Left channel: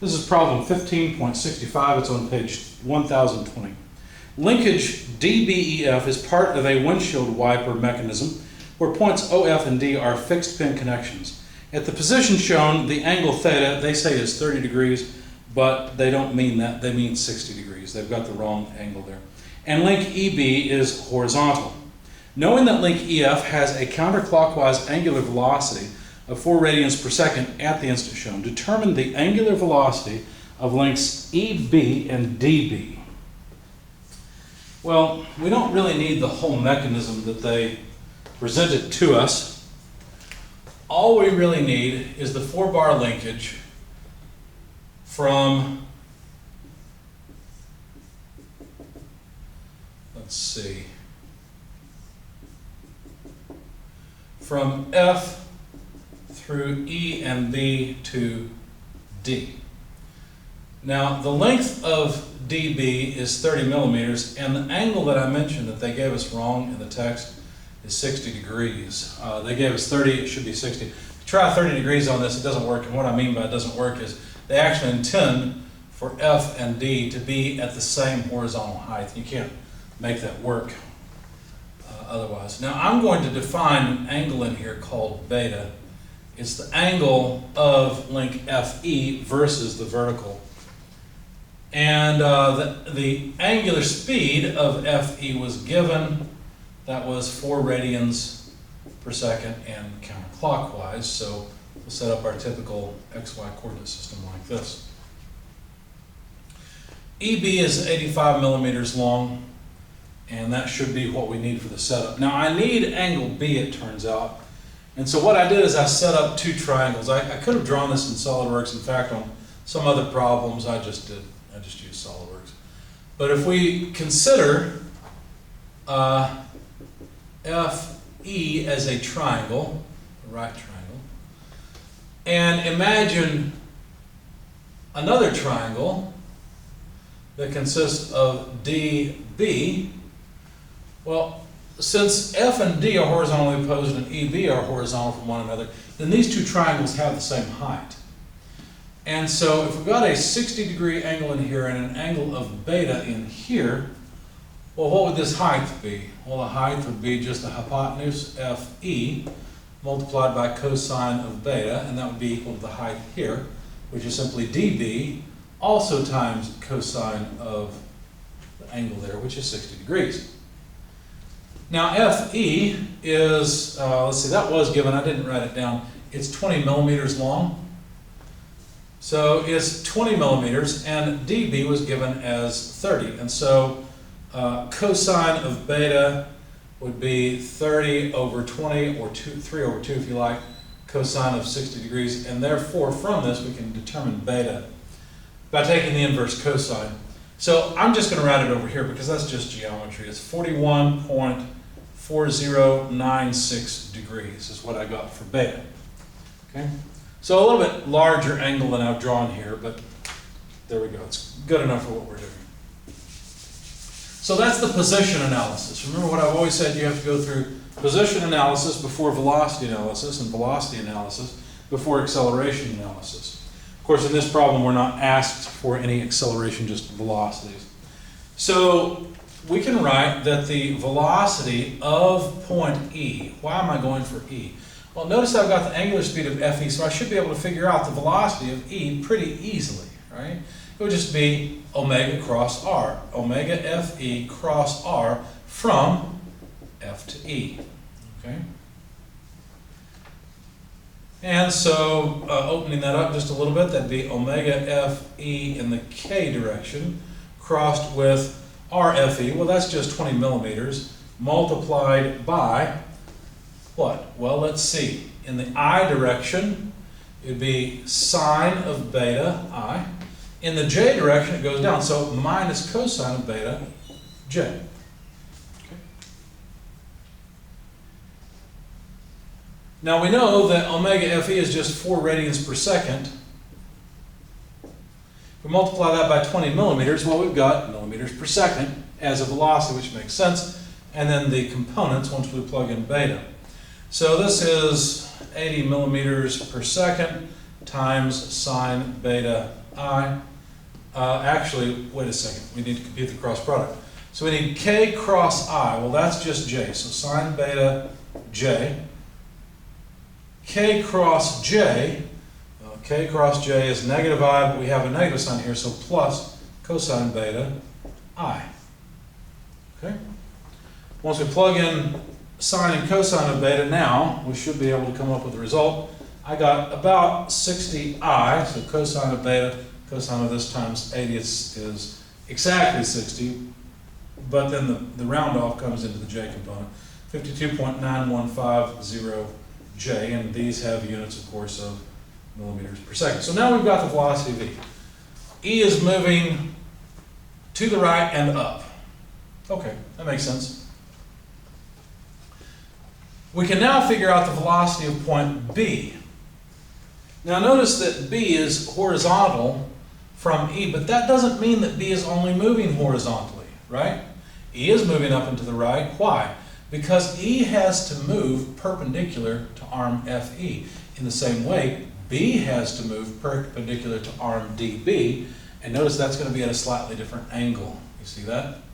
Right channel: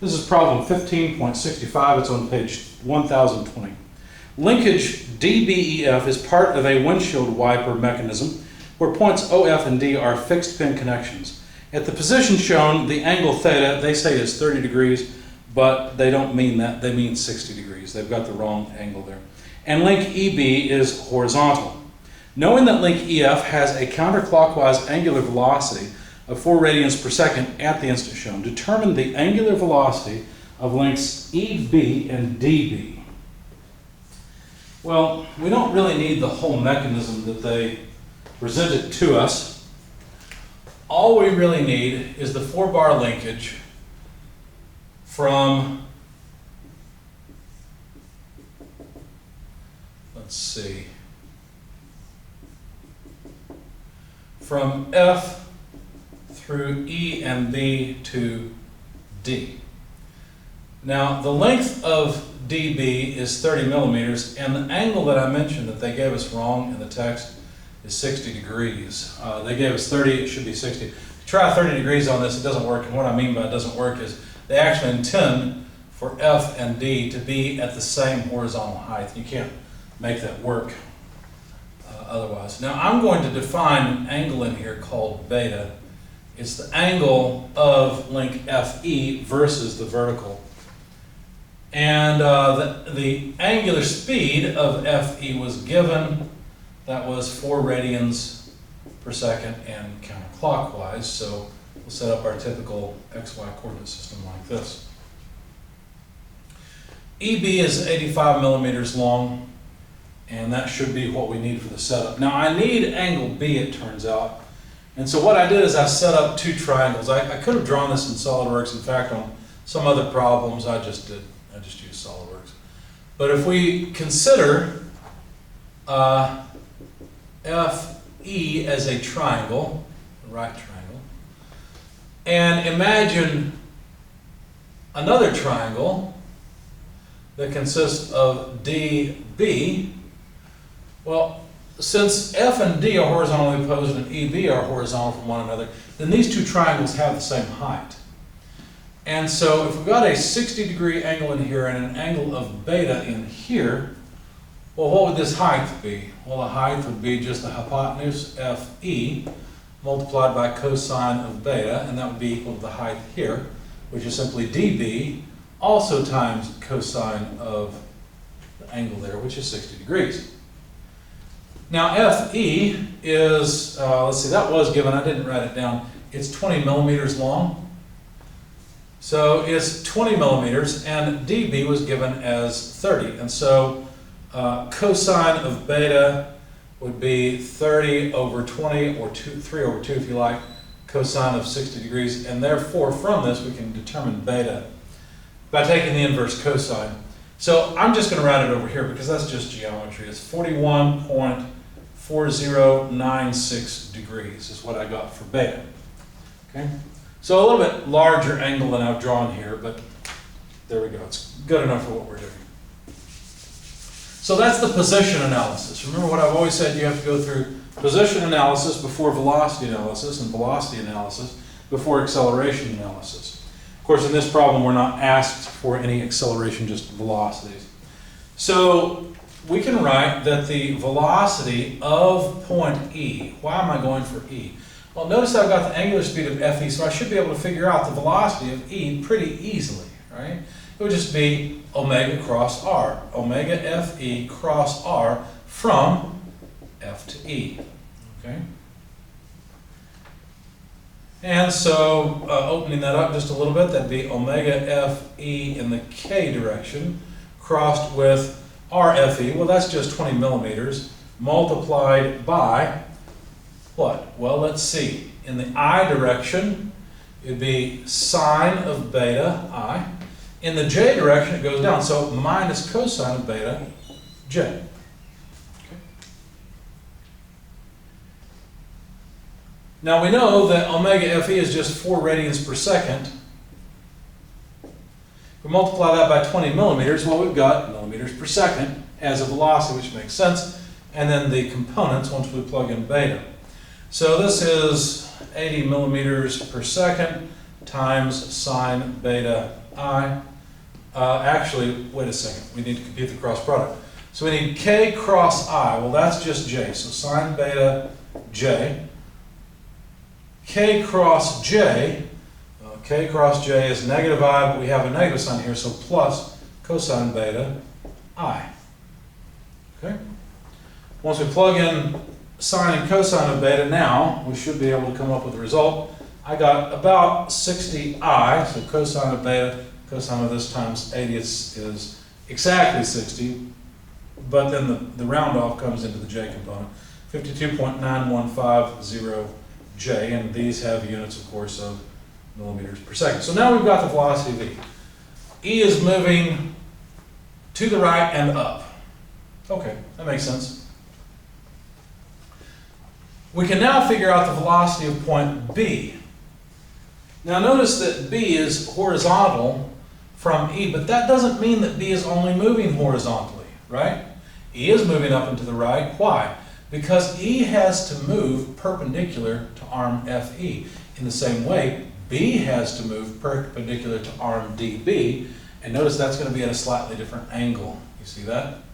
This is problem 15.65. It's on page 1020. Linkage DBEF is part of a windshield wiper mechanism where points OF and D are fixed pin connections. At the position shown, the angle theta, they say is 30 degrees, but they don't mean that. They mean 60 degrees. They've got the wrong angle there. And link EB is horizontal. Knowing that link EF has a counterclockwise angular velocity of 4 radians per second at the instant shown, determine the angular velocity of links EB and DB. Well, we don't really need the whole mechanism that they presented to us. All we really need is the 4-bar linkage from, let's see, from F through E and B to D. Now, the length of DB is 30 millimeters, and the angle that I mentioned that they gave us wrong in the text is 60 degrees. They gave us 30, it should be 60. If you try 30 degrees on this, it doesn't work, and what I mean by it doesn't work is they actually intend for F and D to be at the same horizontal height. You can't make that work otherwise. Now, I'm going to define an angle in here called beta. It's the angle of link FE versus the vertical. And the angular speed of FE was given. That was 4 radians per second and counterclockwise. So we'll set up our typical XY coordinate system like this. EB is 85 millimeters long, and that should be what we need for the setup. Now I need angle B, it turns out. And so what I did is I set up 2 triangles. I could have drawn this in SOLIDWORKS. In fact, on some other problems, I just used SOLIDWORKS. But if we consider FE as a triangle, a right triangle, and imagine another triangle that consists of DB, well, since F and D are horizontally opposed and EB are horizontal from one another, then these 2 triangles have the same height. And so if we've got a 60-degree angle in here and an angle of beta in here, well, what would this height be? Well, the height would be just the hypotenuse FE multiplied by cosine of beta, and that would be equal to the height here, which is simply DB, also times cosine of the angle there, which is 60 degrees. Now FE is, let's see, that was given, I didn't write it down. It's 20 millimeters long. So it's 20 millimeters, and DB was given as 30. And so cosine of beta would be 30 over 20, or 3 over 2 if you like, cosine of 60 degrees. And therefore, from this, we can determine beta by taking the inverse cosine. So I'm just going to write it over here because that's just geometry. It's 41.4096 degrees is what I got for beta. Okay? So a little bit larger angle than I've drawn here, but there we go. It's good enough for what we're doing. So that's the position analysis. Remember what I've always said, you have to go through position analysis before velocity analysis, and velocity analysis before acceleration analysis. Of course, in this problem, we're not asked for any acceleration, just velocities. So we can write that the velocity of point E, why am I going for E? Well, notice I've got the angular speed of FE, so I should be able to figure out the velocity of E pretty easily, right? It would just be omega cross R, omega FE cross R from F to E, okay? And so, opening that up just a little bit, that'd be omega FE in the K direction crossed with RFE. Well, that's just 20 millimeters multiplied by what? Well, let's see. In the I direction, it'd be sine of beta I. In the J direction, it goes down, so minus cosine of beta J. Okay. Now we know that omega FE is just 4 radians per second. If we multiply that by 20 millimeters, well, we've got millimeters per second as a velocity, which makes sense. And then the components once we plug in beta. So this is 80 millimeters per second times sine beta I. Actually, wait a second. We need to compute the cross product. So we need k cross I. Well, that's just j. So sine beta j. K cross j. K cross j is negative I, but we have a negative sign here, so plus cosine beta I. Okay? Once we plug in sine and cosine of beta now, we should be able to come up with the result. I got about 60i, so cosine of beta, cosine of this times 80 is exactly 60, but then the round off comes into the j component, 52.9150j, and these have units, of course, of millimeters per second. So now we've got the velocity v. E is moving to the right and up. Okay, that makes sense. We can now figure out the velocity of point B. Now notice that B is horizontal from E, but that doesn't mean that B is only moving horizontally, right? E is moving up and to the right. Why? Because E has to move perpendicular to arm FE. In the same way, B has to move perpendicular to arm DB, and notice that's going to be at a slightly different angle. You see that?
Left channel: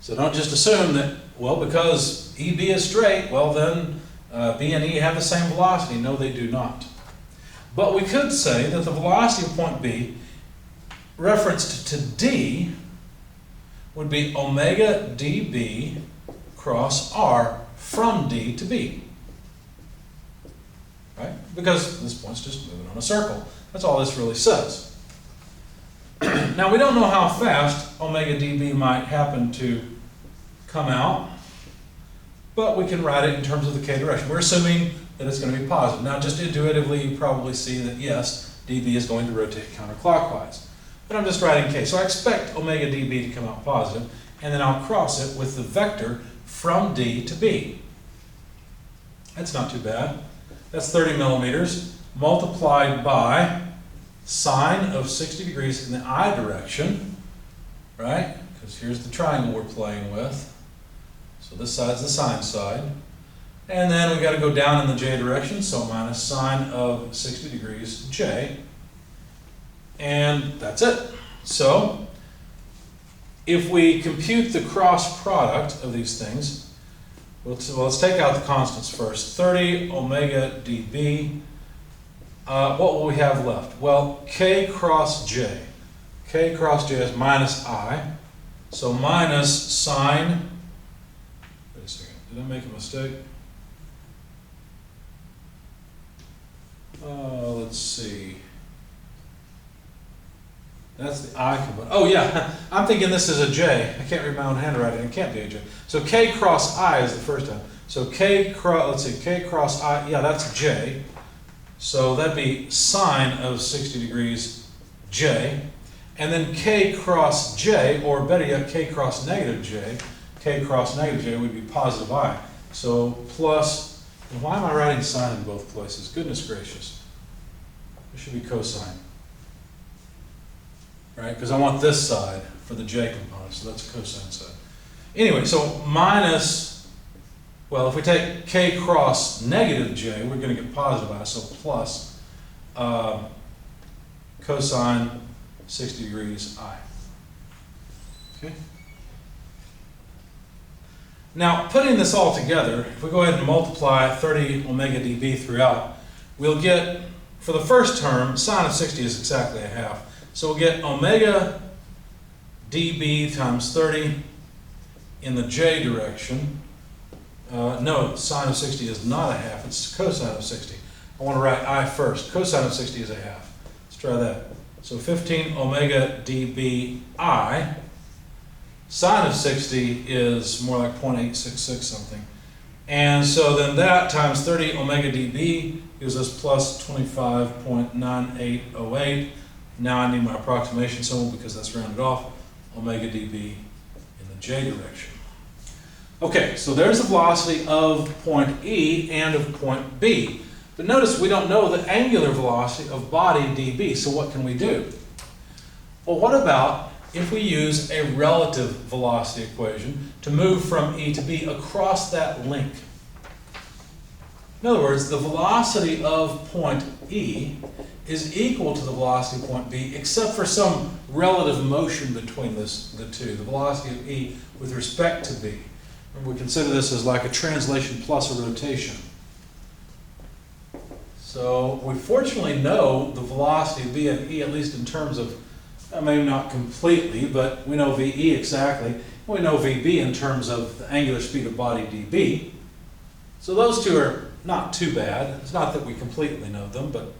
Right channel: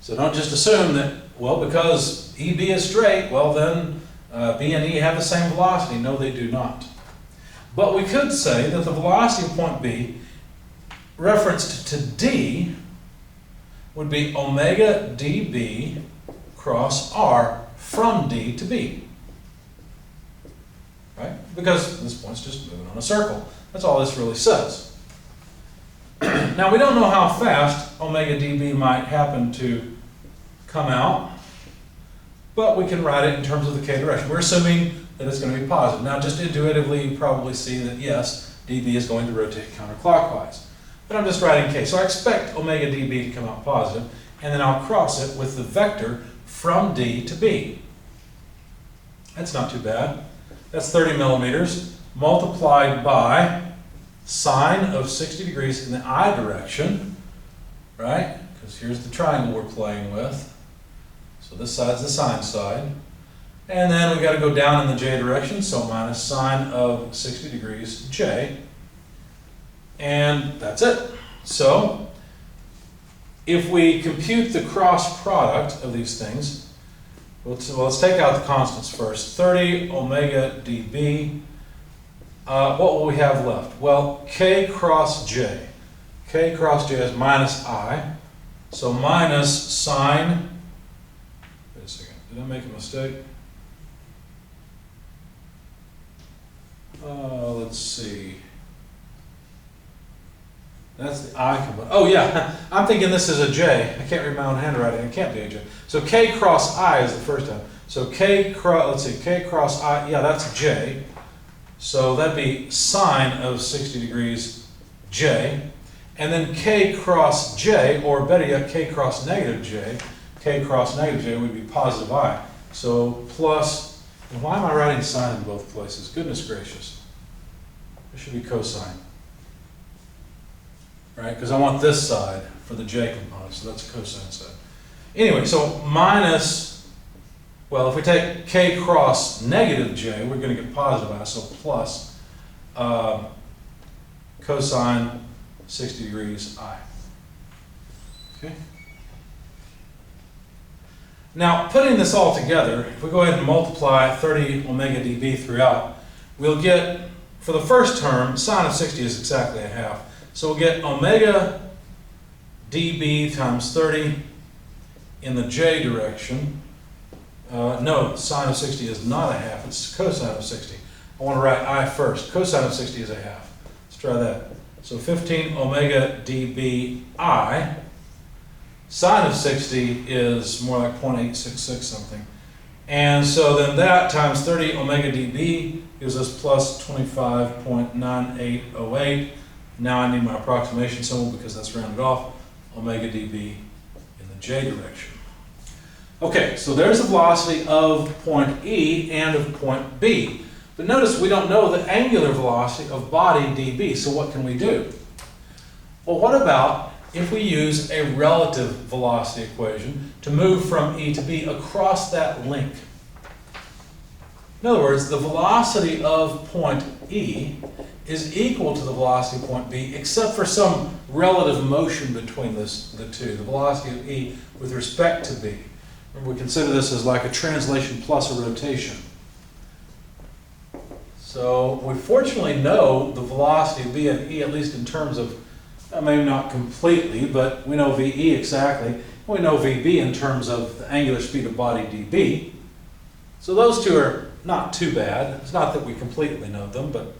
So don't just assume that, well, because EB is straight, well then B and E have the same velocity. No, they do not. But we could say that the velocity of point B referenced to D would be omega dB cross R from D to B. Right? Because this point's just moving on a circle. That's all this really says. Now we don't know how fast omega dB might happen to come out, but we can write it in terms of the k direction. We're assuming that it's going to be positive. Now just intuitively you probably see that yes, dB is going to rotate counterclockwise. But I'm just writing k. So I expect omega dB to come out positive, and then I'll cross it with the vector from D to B. That's not too bad. That's 30 millimeters multiplied by sine of 60 degrees in the I direction, right? Because here's the triangle we're playing with. So this side's the sine side. And then we got to go down in the j direction, so minus sine of 60 degrees j. And that's it. So if we compute the cross product of these things, let's take out the constants first. 30 omega dB. What will we have left? Well, k cross j. K cross j is minus I. So minus sine. Wait a second. Did I make a mistake? Let's see. That's the I component. Oh yeah, I'm thinking this is a J. I can't read my own handwriting. It can't be a J. So K cross I is the first time. So K cross, let's see, K cross I, yeah, that's J. So that'd be sine of 60 degrees J. And then K cross J, or better yet, K cross negative J. K cross negative J would be positive I. So plus, and why am I writing sine in both places? Goodness gracious. It should be cosine. Right? Because I want this side for the j component, so that's a cosine side. Anyway, so minus, well, if we take k cross negative j, we're going to get positive I, so plus cosine 60 degrees I. Okay? Now, putting this all together, if we go ahead and multiply 30 omega dB throughout, we'll get, for the first term, sine of 60 is exactly a half. So we'll get omega dB times 30 in the j direction. No, sine of 60 is not a half, it's cosine of 60. I want to write I first. Cosine of 60 is a half. Let's try that. So 15 omega dB I. Sine of 60 is more like 0.866 something. And so then that times 30 omega dB gives us plus 25.9808. Now I need my approximation symbol because that's rounded off, omega dB in the j direction. Okay, so there's the velocity of point E and of point B. But notice we don't know the angular velocity of body dB, so what can we do? Well, what about if we use a relative velocity equation to move from E to B across that link? In other words, the velocity of point E is equal to the velocity of point B, except for some relative motion between the two, the velocity of E with respect to B. Remember, we consider this as like a translation plus a rotation. So we fortunately know the velocity of B and E, at least in terms of, maybe not completely, but we know VE exactly. We know VB in terms of the angular speed of body dB. So those two are not too bad. It's not that we completely know them, but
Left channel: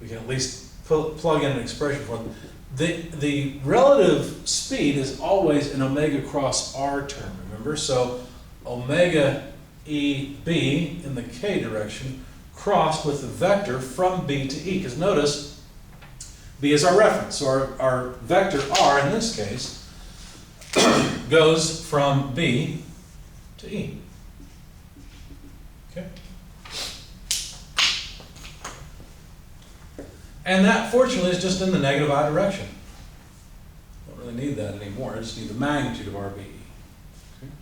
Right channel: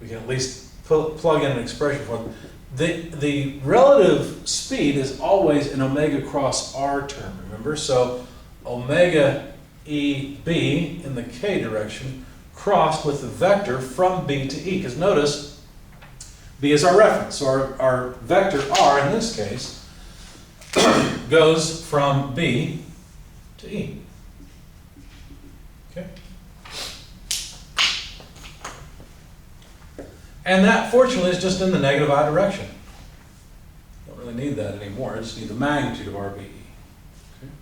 we can at least plug in an expression for them. The relative speed is always an omega cross R term, remember? So omega EB in the K direction crossed with the vector from B to E, because notice B is our reference. So our vector R in this case goes from B to E. Okay? And that, fortunately, is just in the negative I direction. Don't really need that anymore. I just need the magnitude of RBE. Okay?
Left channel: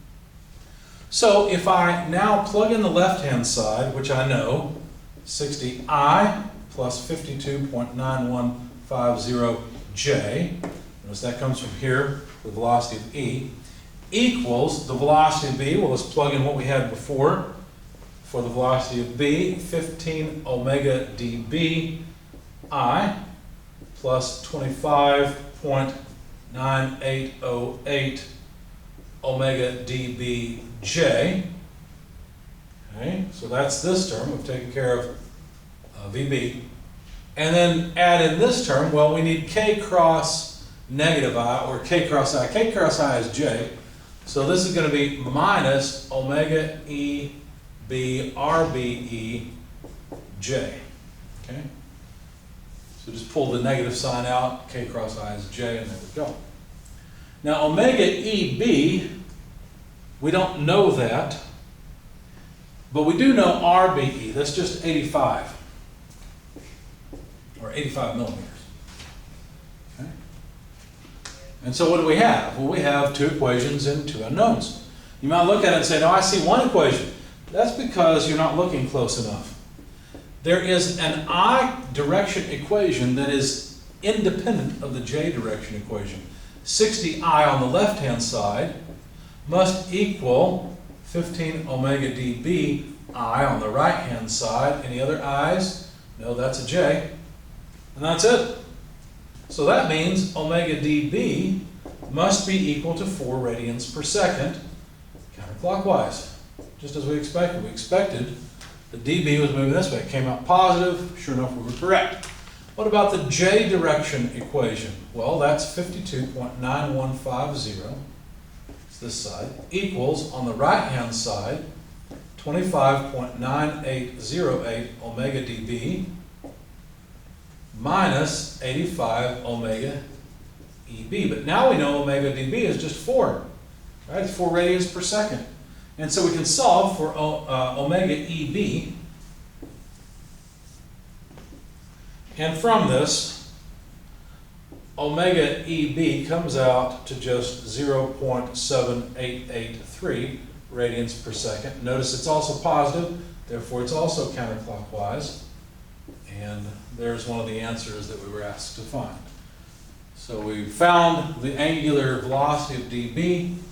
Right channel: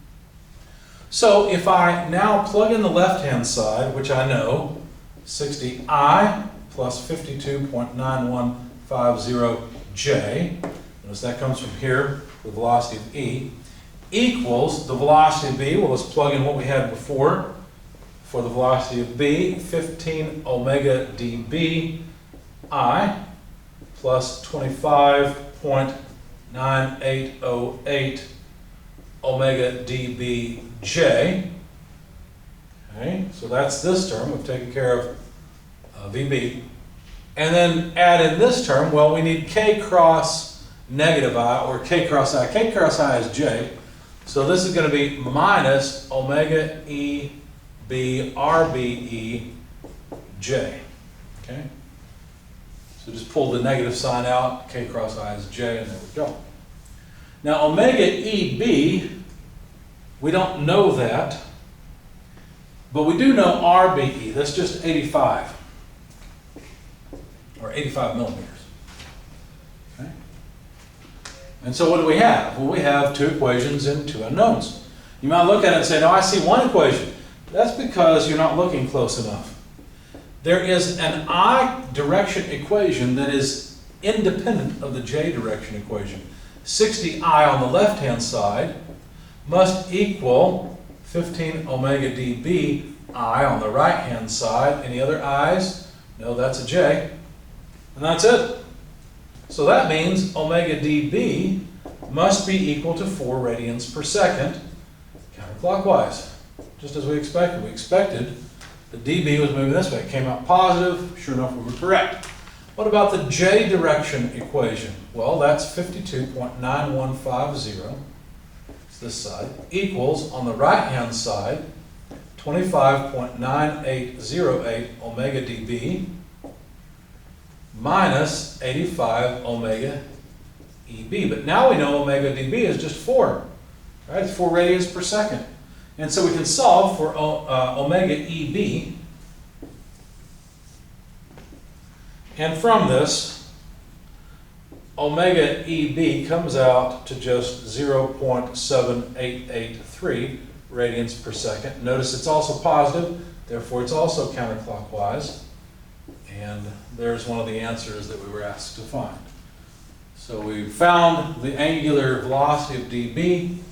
So if I now plug in the left-hand side, which I know, 60I plus 52.9150J, notice that comes from here, the velocity of E, equals the velocity of B. Well, let's plug in what we had before for the velocity of B, 15 omega dB I plus 25.9808 omega dB J. Okay, so that's this term. We've taken care of VB. And then add in this term, well, we need K cross negative I, or K cross I. K cross I is J. So this is going to be minus omega EB RBE J. Okay? So just pull the negative sign out. K cross I is J, and there we go. Now omega EB, we don't know that, but we do know RBE. That's just 85, or 85 millimeters. Okay? And so what do we have? Well, we have two equations and two unknowns. You might look at it and say, no, I see one equation. That's because you're not looking close enough. There is an I direction equation that is independent of the J direction equation. 60I on the left-hand side must equal 15 omega dB I on the right-hand side. Any other I's? No, that's a J. And that's it. So that means omega dB must be equal to 4 radians per second counterclockwise, just as we expected. We expected the dB was moving this way. It came out positive. Sure enough, we were correct. What about the J direction equation? Well, that's 52.9150, it's this side, equals, on the right-hand side, 25.9808 omega dB minus 85 omega EB. But now we know omega dB is just 4, right? It's 4 radians per second. And so we can solve for omega EB. And from this, omega EB comes out to just 0.7883 radians per second. Notice it's also positive, therefore it's also counterclockwise. And there's one of the answers that we were asked to find. So we found the angular velocity of dB,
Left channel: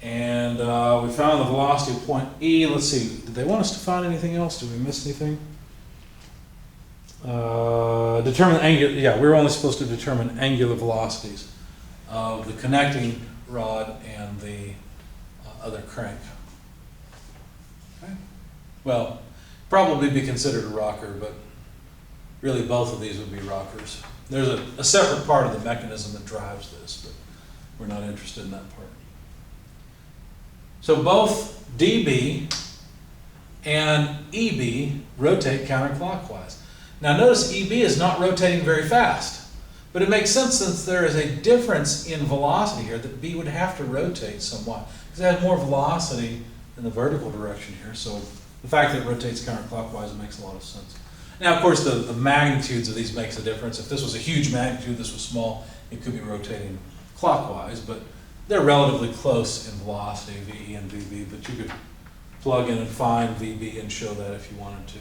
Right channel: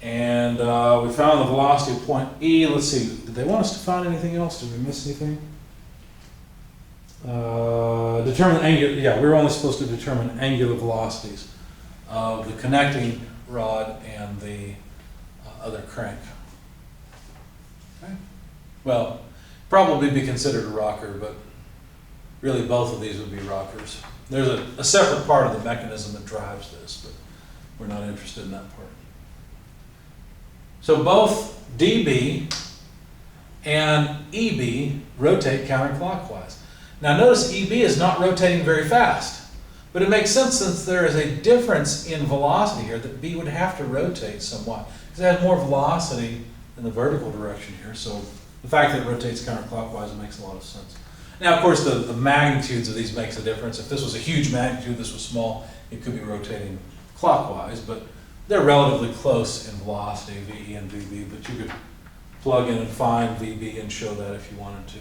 and we found the velocity of point E. Let's see, did they want us to find anything else? Did we miss anything? Determine angular, yeah, we were only supposed to determine angular velocities of the connecting rod and the other crank. Okay. Well, probably be considered a rocker, but really both of these would be rockers. There's a separate part of the mechanism that drives this, but we're not interested in that part. So both dB and EB rotate counterclockwise. Now notice EB is not rotating very fast, but it makes sense since there is a difference in velocity here that B would have to rotate somewhat, because it has more velocity in the vertical direction here, so the fact that it rotates counterclockwise makes a lot of sense. Now, of course, the magnitudes of these makes a difference. If this was a huge magnitude, this was small, it could be rotating clockwise, but they're relatively close in velocity, VE and VB, but you could plug in and find VB and show that if you wanted to.